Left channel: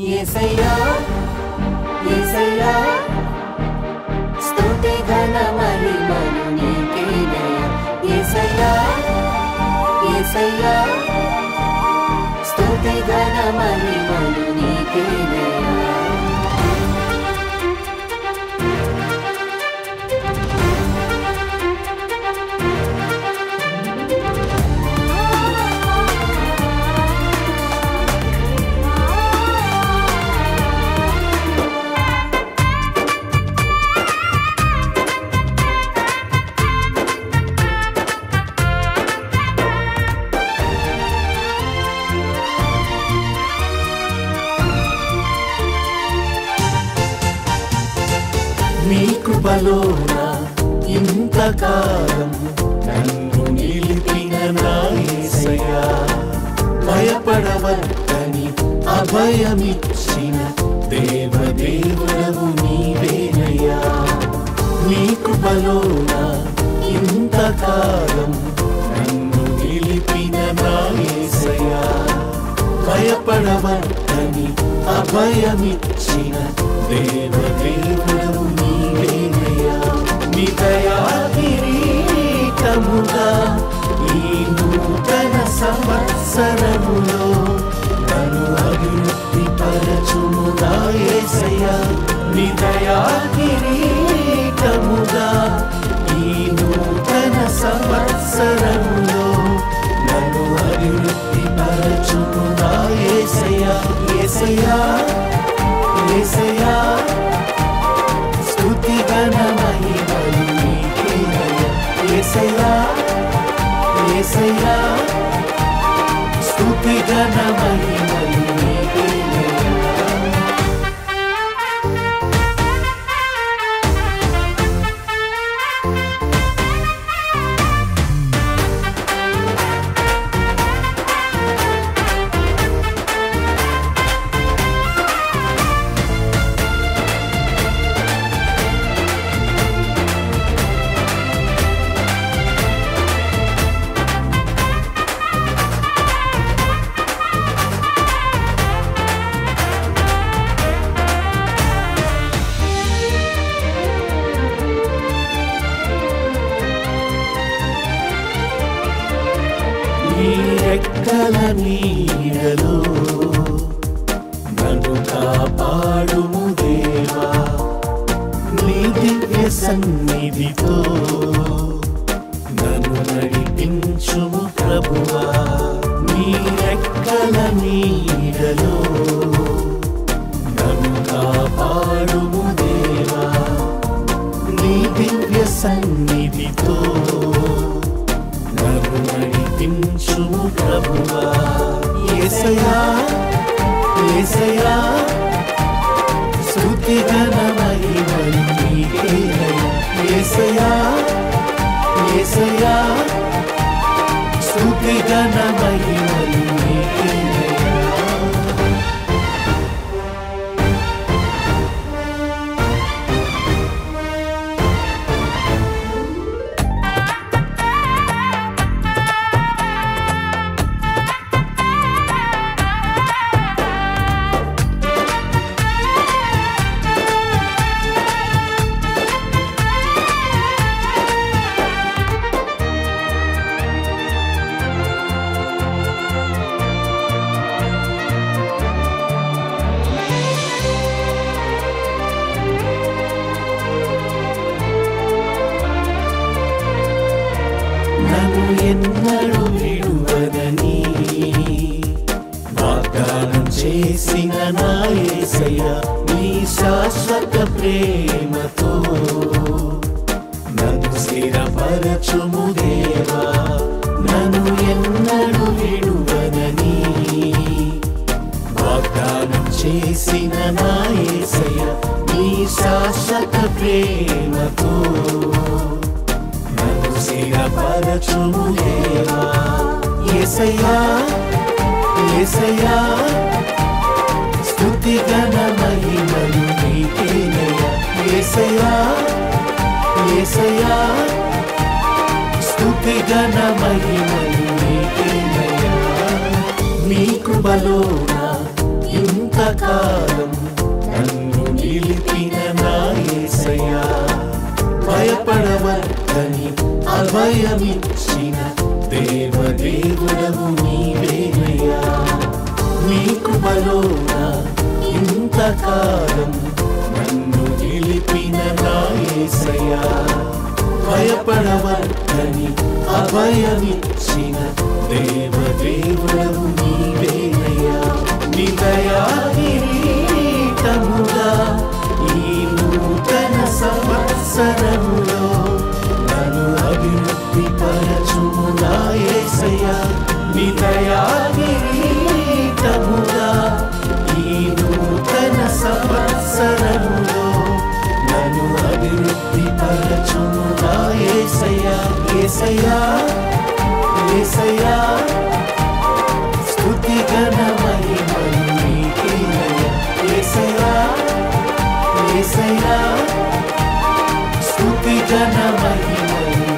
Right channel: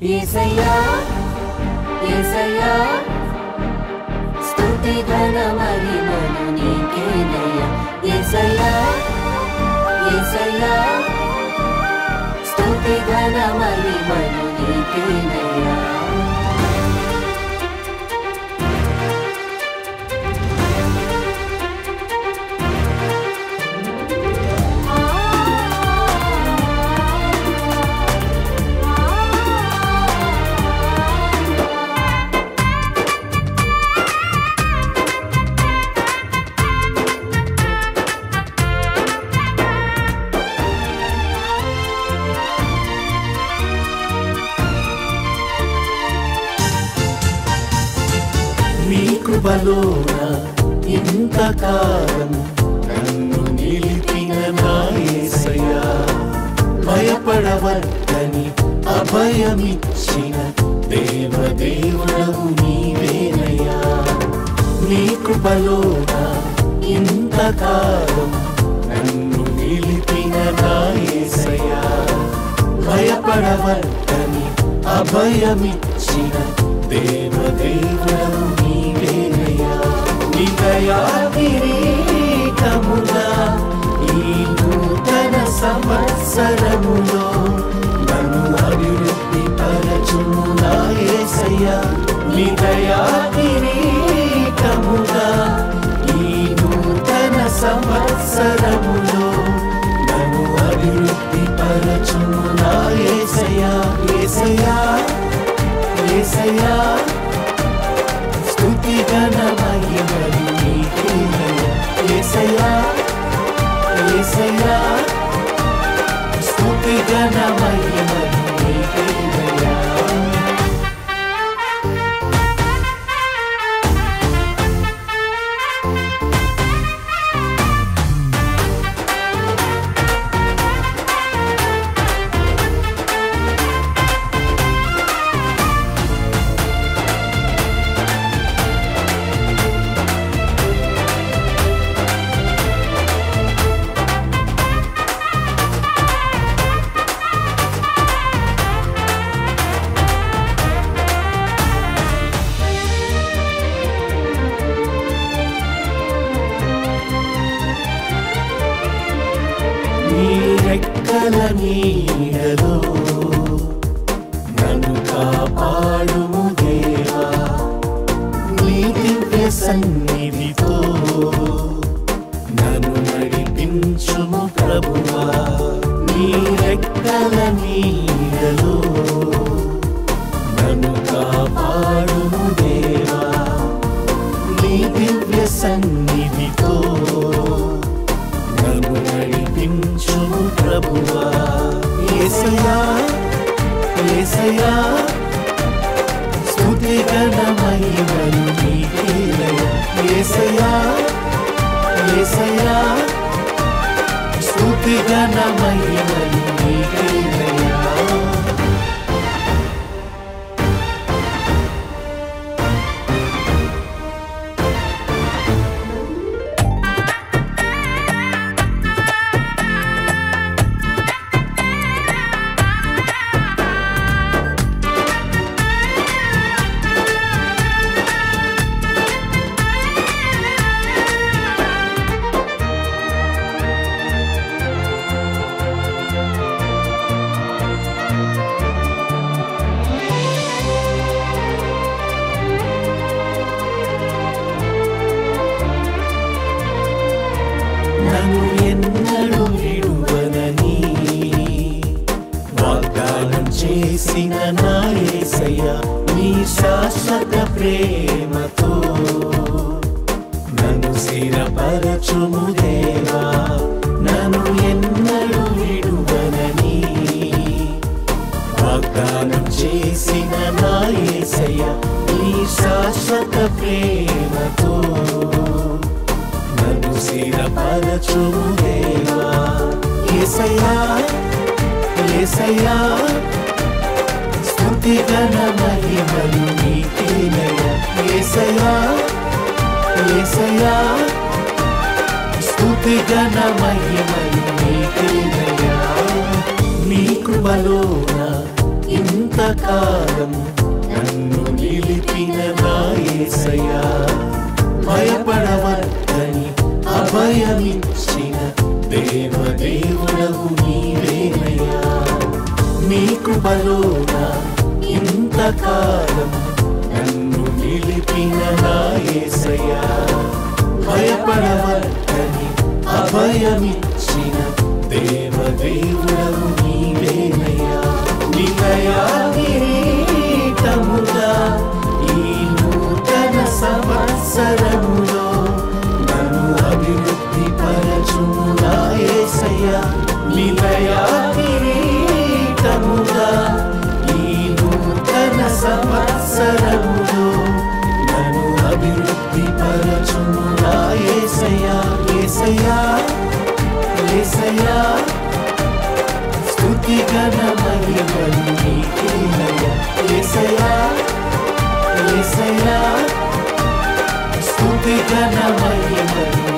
యేసయ్యా యేసయ్యా స్తుతి ఘన మహిమలు నీకేనయ్యా యేసయ్యా యేసయ్యా స్తుతి ఘన మహిమలు నీకేనయ్యా నీ కృపలోన ఇంతకాలం నన్ను నిలిపిన నా యేసయ్యా భయపడవద్దని అభయమిచ్చిన దేవదేవుడవు నీవేనయ్యా నీ కృపలోన ఇంతకాలం నన్ను నిలిపిన నా యేసయ్యా భయపడవద్దని అభయమిచ్చిన దేవదేవుడవు నీవేనయ్యా నీ దయా కిరీటముగా ఈ నూతన సంవత్సరములో నన్ను అభివృద్ధి పరచుము నా యేసయ్యా నీ దయా కిరీటముగా ఈ నూతన సంవత్సరములో నన్ను అభివృద్ధి పరచుము నా యేసయ్యా యేసయ్యా యేసయ్యా స్తుతి ఘన మహిమలు నీకేనయ్యా యేసయ్యా యేసయ్యా స్తుతి ఘన మహిమలు నీకేనయ్యా నీ రెక్కల నీడలో నన్ను కాపాడుము దేవా నీ దివ్య సన్నిధితో నన్ను నడిపించుము ప్రభువా నీ రెక్కల నీడలో నన్ను కాపాడుము దేవా నీ దివ్య సన్నిధితో నన్ను నడిపించుము ప్రభువా యేసయ్యా యేసయ్యా స్తుతి ఘన మహిమలు నీకేనయ్యా యేసయ్యా యేసయ్యా స్తుతి ఘన మహిమలు నీకేనయ్యా నన్ను ఎన్నడూ విడువనని వాగ్దానం చేసిన నా యేసయ్యా నీ శాశ్వత ప్రేమతో నన్ను స్థిరపరచుము దేవా నన్ను ఎన్నడూ విడువనని వాగ్దానం చేసిన నా యేసయ్యా నీ శాశ్వత ప్రేమతో నన్ను స్థిరపరచుము దేవా యేసయ్యా యేసయ్యా స్తుతి ఘన మహిమలు నీకేనయ్యా యేసయ్యా యేసయ్యా స్తుతి ఘన మహిమలు నీకేనయ్యా నీ కృపలోన ఇంతకాలం నన్ను నిలిపిన నా యేసయ్యా భయపడవద్దని అభయమిచ్చిన దేవదేవుడవు నీవేనయ్యా నీ కృపలోన ఇంతకాలం నన్ను నిలిపిన నా యేసయ్యా భయపడవద్దని అభయమిచ్చిన దేవదేవుడవు నీవేనయ్యా నీ దయా కిరీటముగా ఈ నూతన సంవత్సరములో నన్ను అభివృద్ధి పరచుము నా యేసయ్యా నీ దయా కిరీటముగా ఈ నూతన సంవత్సరములో నన్ను అభివృద్ధి పరచుము నా యేసయ్యా యేసయ్యా యేసయ్యా స్తుతి ఘన మహిమలు నీకేనయ్యా యేసయ్యా యేసయ్యా స్తుతి ఘన మహిమలు